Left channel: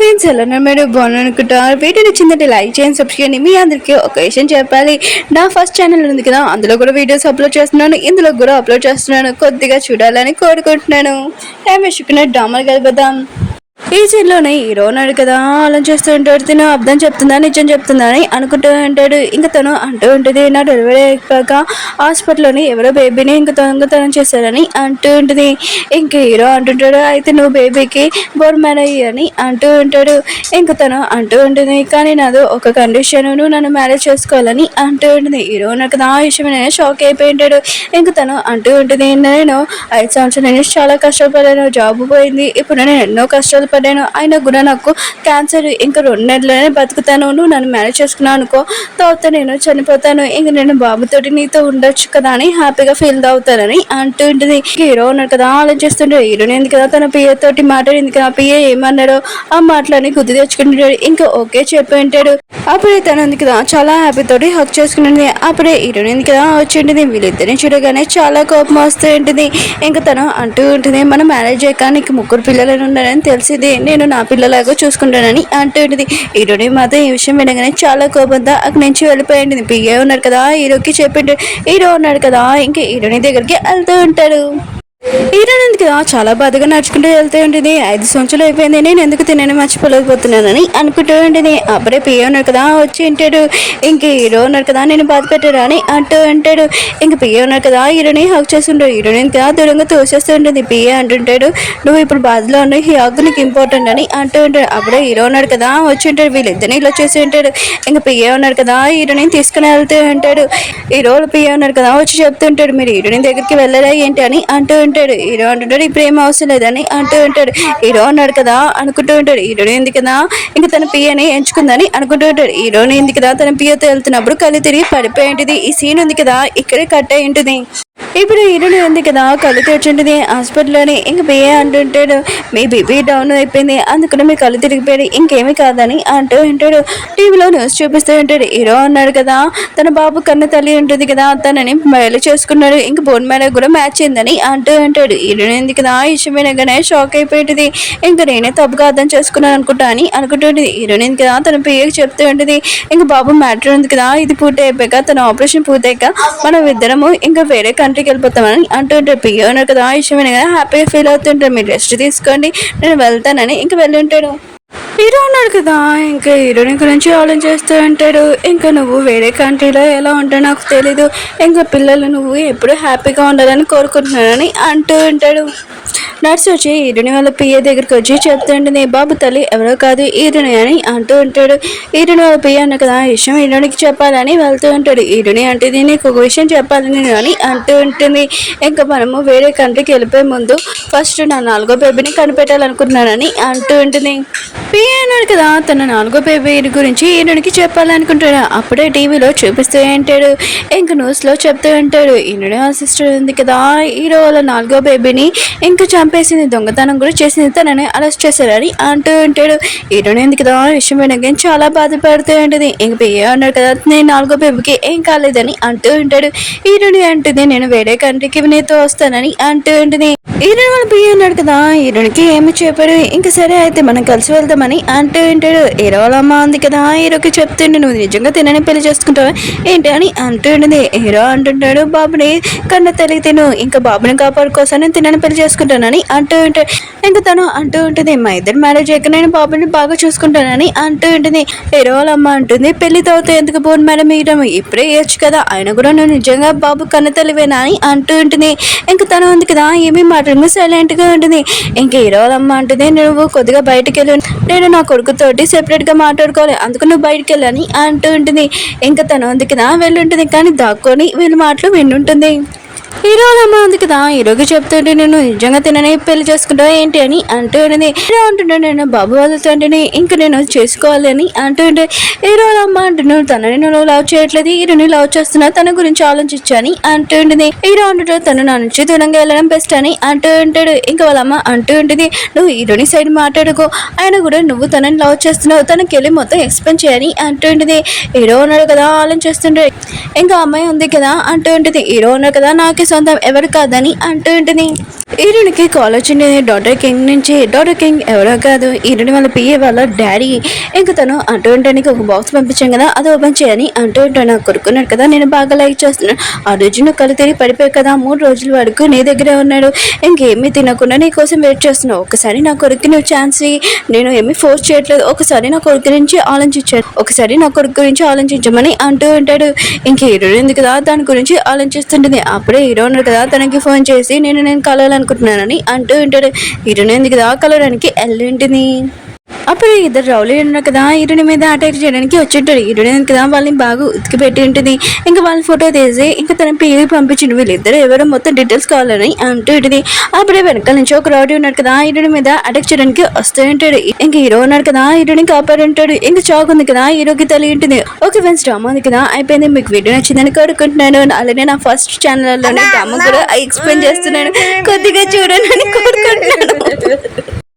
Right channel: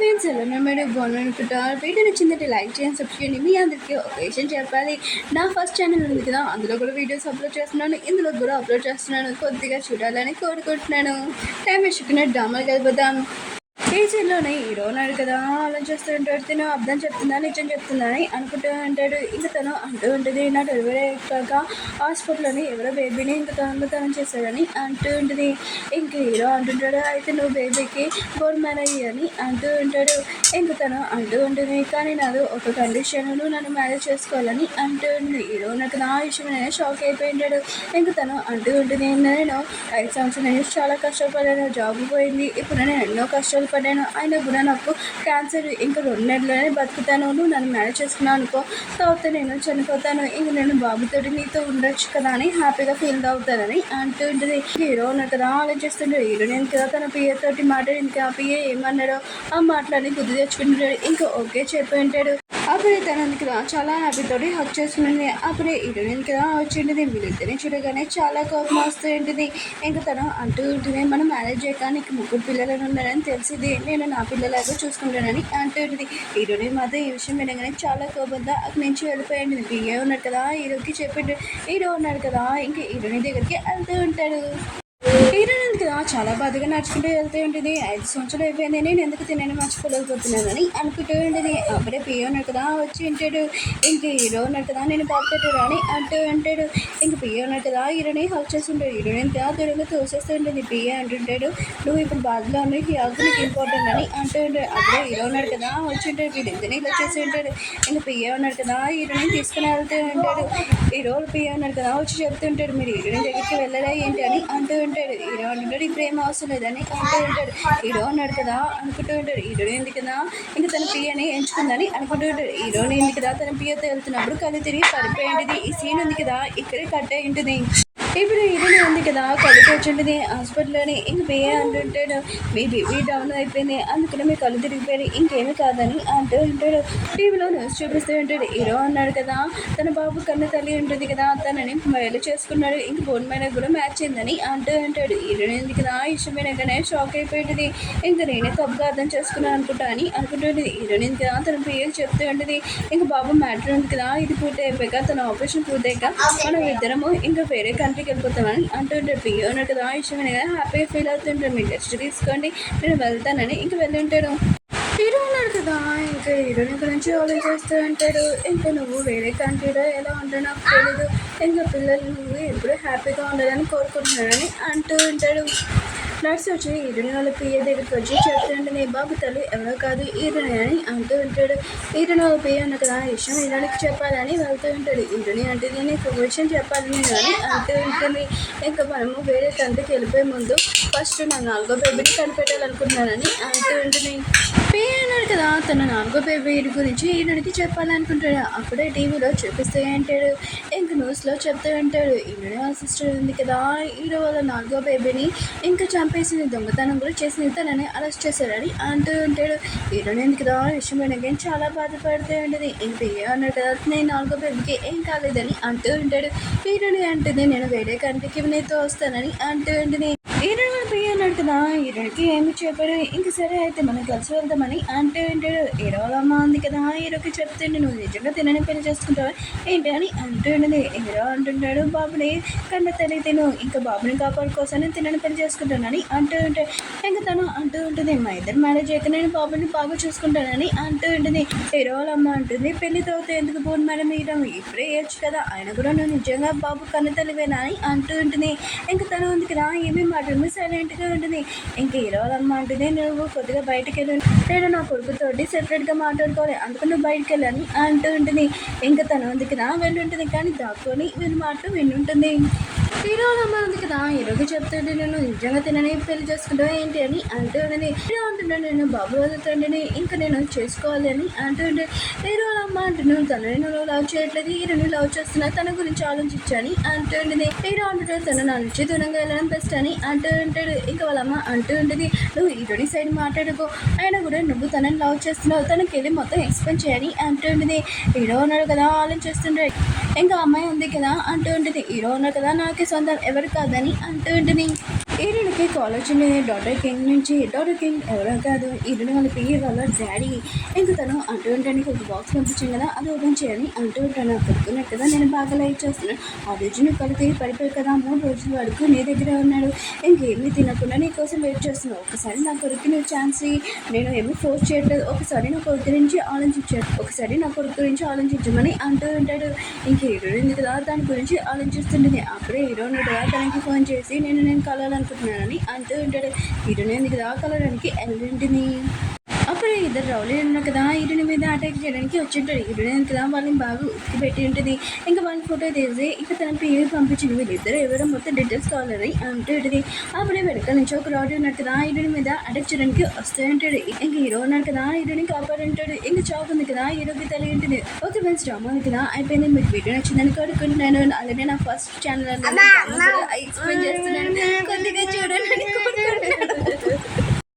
Friends ఎలా ఉన్నారు మీరు బాగున్నారు అనుకుంటారు. వీడియో నచ్చిందంటే లైక్ చేయండి, సబ్స్క్రైబ్ చేయండి. మీ అందరికీ ఒక విషయం చెప్పాలి. నా ఫస్ట్ ఛానల్ ఉంది కదా, అందులో కూడా వీడియోస్ అప్లోడ్ చేస్తున్నాను, ఇందులో కూడా అప్లోడ్ చేస్తున్నాను. కొద్దిగా చూడాలని కోరుకుంటున్నాను. టైం వేసుకున్న డ్రామాలు కలిపేద్దాం. ఈ సీన్లోనే హీరో ఉన్నాడు కదా, అలా చేస్తూ ఉంటాడు. తిను అర్థం చెప్తుందా నిజం చెప్తుందా అని అనుకుంటూ ఉంటాడు. ఇంకా తను అంటూ ఉంటుంది, నా డెలివరీ అయిపోయాక హాస్పిటల్లోని ఎవరో బేబీని ఇంకా దొంగతనం చేశారని అంటూ ఉంటుంది. ఇంక హీరో అంటుంటాడు, అయితే నువ్వు బేబీకి బోర్ మ్యారేజ్ అని అంటూ ఉంటాడు. ఇంక తను అంటూ ఉంటుంది, కానీ నాది ఒక కండిషన్, నువ్వు నన్ను మ్యారేజ్ చేసుకోవాలని అంటూ ఉంటుంది. హీరో ఉన్నాడు కదా, ఆ విషయం నేను షాక్ అయిపోయి ఉంటాడు. ఇంక తను అంటూ ఉంటుంది, నేను 5 సంవత్సరాల నుంచి చాలా కష్టపడాను, జాబ్ పోయింది, ఇప్పుడు నేను ఎన్నో కష్టాలు పడ్డాను, అయినా కూడా నాకు క్యాన్సర్, ఇంకా 2 నెలలనే బతుకుతాను, నువ్వు నన్ను మ్యారేజ్ చేసుకున్నావు అనుకో, తర్వాత నేను చనిపోతాను, ఇంక నేను బాబుతోటి నీతో ఉండొచ్చు కదా అని హ్యాపీగా ఫీల్ అవుతానని అంటూ ఉంటుంది. హీరో ఉన్నాడు కదా, ఆలోచిస్తుంటాడు. హీరోని ఎందుకు కదా తన పిఏ తోటి మాట్లాడింది కదా, పిఏ ఏమన్నాడో ఆ మాటలని గుర్తు తెచ్చుకుంటాడు. ఇంకా ఓకే చెప్పి ఉంటాడు. అప్పుడే తను ఉంది కదా చాలా హ్యాపీ తోటి హక్ చేసుకుంటుంది. అప్పుడే హీరోని ఉంది కదా వచ్చి ఉంటుంది. వీళ్ళిద్దరిని చూడగానే చాలా కోపం వస్తూ ఉంటుంది. ఇంకా తను అంటూ ఉంటుంది, మనం మ్యారేజ్ అయ్యాక నీకు 3 పిల్లలు ఉన్నారని తెలిసింది, నేను నా పిల్లలాగా చూసుకుంటానని అంటూ ఉంటుంది. హీరోని మాత్రం ఈ విషయం వినగానే చాలా కోపంతో అక్కడి నుంచి వెళ్ళిపోయింది. పిఏ ఉన్నాడు కదా, హీరోకి చెప్పిండు. హీరో ఉన్నాడు కదా, ఇంకా హీరోని దగ్గరికి వెళ్తూ ఉంటాడు. హీరోయిన్ కదా చాలా బాధగా నడుచుకుంటూ వెళ్తూ ఉంటుంది. 5 సంవత్సరాలు అయిపోయింది, నేను ఎందుకు తినని మర్చిపోలేకపోతున్నానని అనుకుంటూ ఉంటుంది. అప్పుడే పిఏ ఉన్నాడు కదా వచ్చి ఉంటాడు. ఇంక హీరో ఉన్నాడు కదా, నేను బాధ పెట్టాడు అని అంటూ ఉంటాడు. ఇంక పిఏ ఉన్నాడు కదా, హీరోని హక్ చేస్తుంటాడు. హీరోయిన్ కదా దూరంగా తోసేస్తూ ఉంటుంది. పిఏ అంటుంటాడు, నువ్వు ఇప్పుడు బాధలో ఉన్న ఈ హక్ నీకు ఇంపార్టెంట్ అని అంటూ ఉంటాడు. అప్పుడే హీరో ఉన్నాడు కదా వచ్చి ఉంటాడు. వీళ్ళిద్దరిని ఇలా చేసి ఉంటాడు. ఇంక పిఏ ఉన్నాడు కదా, హీరోని తీసుకుని వెళ్తూ ఉంటాడు. హీరో పిఏ ఉన్నాడు కదా వచ్చి చెప్తుంటాడు, మీరు హీరోయిన్ దగ్గరికి వెళ్ళరా ఏంటి అని అంటూ ఉంటాడు. హీరో అంటుంటాడు, ఇప్పుడు ఏం అవసరం లేదని అంటూ ఉంటాడు. హీరో ఉన్నాడు కదా అనుకుంటూ ఉంటాడు. హీరోని ఎందుకు కదా ఇంకా తన పియని ఎంచుకుందని అనుకుంటూ ఉంటాడు. హీరోని ఎందుకు కదా తన పియతో వెళ్తున్నప్పుడు కళ్ళు తిరిగి పడిపోయి ఉంటుంది. ఈ సీన్ ఉంది కదా ఇక్కడే కట్ అయి ఉంటుంది. ఇప్పుడు హీరోని ఉంది కదా కళ్ళు తెచ్చుంటుంది హాస్పిటల్లోని. ఇంక పిఏ అంటుంటాడు, మీ బీపీ డౌన్ అయిపోయింది, అందుకని మీ కళ్ళు తిరిగిపోయాడు, ఇంకేమీ కాదని అంటూ ఉంటాడు. టీవీలో న్యూస్ చూపిస్తూ ఉంటాడు. హీరో అన్నాడు కదా, తన బాబు కన్న తల్లి ఉంటుంది కదా, తనని మ్యారేజ్ చేసుకున్నాడు, ఇంక బోన్ మ్యారేజ్ కూడా మ్యాచ్ అయిందని అంటూ ఉంటాడు. హీరోని ఉంది కదా ఈ విషయం వినగానే షాక్ అయిపోయింది. ఇంకా నేనే తప్పుగా అర్థం చేసుకున్నాను అనుకుంటా అని అనుకుంటుంది. హీరోని ఉంది కదా తన పిఏకి చెప్తూ ఉంటుంది, ఇంక బాబు మ్యాటర్ ఉంది కదా, ఇది పూర్తి అయిపోయాక తన ఆపరేషన్ పూర్తయ్యాక మనం ఇద్దరము ఇంకా వేరే కంట్రీకి వెళ్ళిపోతామని అంటూ ఉంటాడు. పిఏ ఉన్నారు కదా ఆ విషయం వినగానే హ్యాపీగా ఫీల్ అవుతుంటాడు. మీరు రెస్ట్ తీసుకోండి, నేను వెళ్తానని ఇంకా వెళ్ళి ఉంటాడు. హీరో ఉన్నాడు కదా, ఇంకా హీరోని గురించి ఆలోచిస్తూ ఉంటాడు. ఇంకా నువ్వు వేరే కంట్రీలో ఎలా ఉంటావు నాకు తెలీదు, ఇంకా పిల్లలు నువ్వు ఎప్పుడు హ్యాపీగా ఉండాలని కోరుకుంటున్నానని అంటూ ఉంటాడు. నర్స్ వచ్చి హీరోని వాళ్ళ పిఏ దగ్గరికి వచ్చి చెప్తుంటుంది, బాబు తల్లి ఎవరో కాదు హీరోని అని అంటూ ఉంటాడు. హీరోని వాళ్ళ పిఏ అన్న కదా ఈ విషయం హీరోనికి చెప్పాలని వెళ్తూ ఉంటాడు. హీరోని అంటే నీకు ఒక విషయం చెప్పాలని అని అంటూ ఉంటుంది. ఇంకా మనము వేరే కంట్రీకి వెళ్ళిపోయే ముందు ఫస్ట్ నా 4వ బేబీని కనిపెట్టాలనుకుంటున్నానని అంటూ ఉంటుంది. పిఏ అన్నాడు కదా, తన 4వ బేబీ గురించి హీరోనికి చెప్పాలనుకుంటాడు. అప్పుడే టీవీలో చూపిస్తూ ఉంటాడు. ఇంకా న్యూస్లో చెప్తూ ఉంటాడు, హీరోని వాళ్ళ సిస్టర్ ఉంది కదా, హీరో వాళ్ళ 4వ బేబీని ఇంకా చంపేసింది, దొంగతనం కూడా చేసింది, తనని అరెస్ట్ చేశారని అంటూ ఉంటాడు. హీరోని ఉంది కదా విషయం వినగానే చాలా బాధపడుతూ ఉంటుంది. ఇంక పిఏ అన్నాడు కదా, నేను 4వ బేబీకి ఏం కాలేదని అంటూ ఉంటాడు. హీరోని అంటుంది, నేను వేరే కంట్రీకి నీతో వస్తానని అంటూ ఉంటుంది. హీరో వాళ్ళ పిఏ అన్నాడు కదా, హీరోనికి ఏమి చెప్పాడు. ఇంకా సరే అయితే మనం కలిసి వెళ్దామని అంటూ ఉంటాడు. హీరో వాళ్ళ అమ్మ ఉంది కదా, హీరోకి చెప్తుండే, నువ్వు నిజంగా తినని పెళ్లి చేసుకుంటావా ఏంటి అని అంటూ ఉంటుంది. హీరో అంటుంటాడు, బాబుని కన్నా తల్లి తిను, ఇంకా బాబుని కాపాడుకోసం నేను తినని పెళ్లి చేసుకుంటానని అంటూ ఉంటాడు. ఇంకా తను అంటూ ఉంటుంది, మా ఇద్దరు మ్యారేజ్ అయ్యాక నేను బాబుని బాగా చూసుకుంటానని అంటూ ఉంటుంది. హీరో వాళ్ళ అమ్మ అంటుంది, పెళ్లి తర్వాత ఎందుకు బోన్ మేడం ఇవ్వడం, ఇప్పుడే ఇవ్వచ్చు కదా, ఆయన కూడా నువ్వు నిజంగా బాబు కన్న తల్లివేనా అని అంటూ ఉంటుంది. ఇంకా తను ఉంది కదా ఏమీ మాట్లాడు సైలెంట్ గా ఉంటుంది. ఇంకా హీరో వాళ్ళ అమ్మ అంటుంది, నువ్వు కొద్దిగా బయటకు వెళ్ళి, నేను నా కొడుకుతోటి సెపరేట్ గా మాట్లాడుకోవాలి, అందుకు నువ్వు బయటకు వెళ్ళని అంటూ ఉంటుంది. ఇంకా తను ఉంది కదా వెళ్ళి ఉంటుంది, కానీ దాక్కొని వీళ్ళ మాటలు వింటుంటుంది. హీరో అమ్మ ఉంది కదా, హీరోకి చెప్తుంటే నేను నిజంగా తినని పెళ్లి చేసుకుంటావా ఏంటి అని అంటూ ఉన్నది. హీరో అంటున్నాడు, నేను బాబు వాళ్ళతో ఇంకా నేను చేసుకోవాలి అని అంటూ ఉంటే, హీరో అమ్మ అంటున్నాడు, తనని నువ్వు లవ్ చేయట్లేదు, హీరోని లవ్ చేస్తున్నా, తన గురించి ఆలోచించని అంటూ ఉంటుంది. హీరో అంటుంటాడు, తను నా నుంచి దూరంగా వెళ్ళడం బెస్ట్ అని అంటూ ఉంటాడు. ఇంకా వాళ్ళ అమ్మ అంటూ ఉంటుంది, నువ్వు హీరోని సైడ్ మాట్లాడుకో, ఆయన కూడా నువ్వు తనని లవ్ చేస్తున్నావు, తనకి వెళ్ళి మొత్తం ఎక్స్ప్లెయిన్ చేయని అంటూ ఉంటుంది. హీరో ఉన్నాడు కదా ఆలోచిస్తుంటాడు. ఇంకా అమ్మాయి ఉంది కదా అంటూ ఉంటుంది, హీరో ఉన్నాడు కదా నాకు హీరోకి సొంతం ఎవరు కాదని అంటూ ఉంటుంది. హీరోనికి కాల్ వచ్చింది డాటర్ కింగ్ నుంచి. డాటర్ కింగ్ ఎవరో కాదు, హీరోని వాళ్ళ పిఏ వాళ్ళ డాడీ. ఇంకా తను అంటూ ఉండడానికి ఒక బాక్స్ పంపించాం కదా, అది ఓపెన్ చేయని అంటూ ఉంటాను. కొడుకున్నాడు కదా, నేను బాగా లైక్ చేస్తున్నాను. ఆ రోజు నువ్వు కళ్ళు తిరిగి పడిపోయావు కదా, 3 రోజుల వరకు నీ దగ్గరే ఉన్నాడు. ఇంకేమీ తినకుండా నీ కోసం వెయిట్ చేస్తున్నావు. ఒకసారి నా కొడుకు నువ్వు ఛాన్స్ నేను ఏమీ ఫోర్స్ చేయట్లేదు. ఒకసారి నా కొడుకు గురించి ఆలోచించాడు, ఒకసారి నా కొడుకు గురించి ఆలోచించమని అంటూ ఉంటాడు. ఇంక హీరో ఎందుకు కదా దాని గురించి ఆలోచిస్తుంటుంది. అప్పుడే హీరో ఉన్నాడు కదా, తనకి ఫోన్ చేసి నేను కలవాలనుకుంటున్నానని అంటూ ఉంటాడు. హీరోని ఎందుకు కదా కలవడానికి వెళ్ళింటుంది. అప్పుడు ఇద్దరు రౌలీ ఉన్నారు కదా, హీరోని మీద అటాక్ చేయడానికి వచ్చింటాడు. హీరోని కదా వాళ్ళని బాగా ఉతికి పెట్టి ఉంటుంది. ఇంకా వాళ్ళ ఫోటో తీసి ఇంకా తన పేరు పంపించిండు. వీళ్ళిద్దరు ఎవరో మొత్తం డీటెయిల్స్ కావాలని అంటూ ఉంటుంది. అప్పుడే వెనకాల నుంచి ఒక రౌడీ ఉన్నాడు కదా, హీరోని మీద అటాక్ చేయడానికి వస్తూ ఉంటాడు. ఇంకా హీరో ఉన్నాడు కదా, హీరోని కాపాడుంటాడు. ఇంకా చాక్ ఉంది కదా, హీరోకి తెలియ ఉంటుంది. ఓకే ఫ్రెండ్స్, డ్రామా ఉంది కదా అయిపోయింది. మీకు వీడియో నచ్చిందని కోరుకుంటున్నాను. అలానే నా ఫస్ట్ ఛానల్లోనే డ్రామా కూడా ఎక్స్ప్లెయిన్ చేస్తున్నాను, కొద్దిగా చూడండి అని కోరుకుంటున్నాను.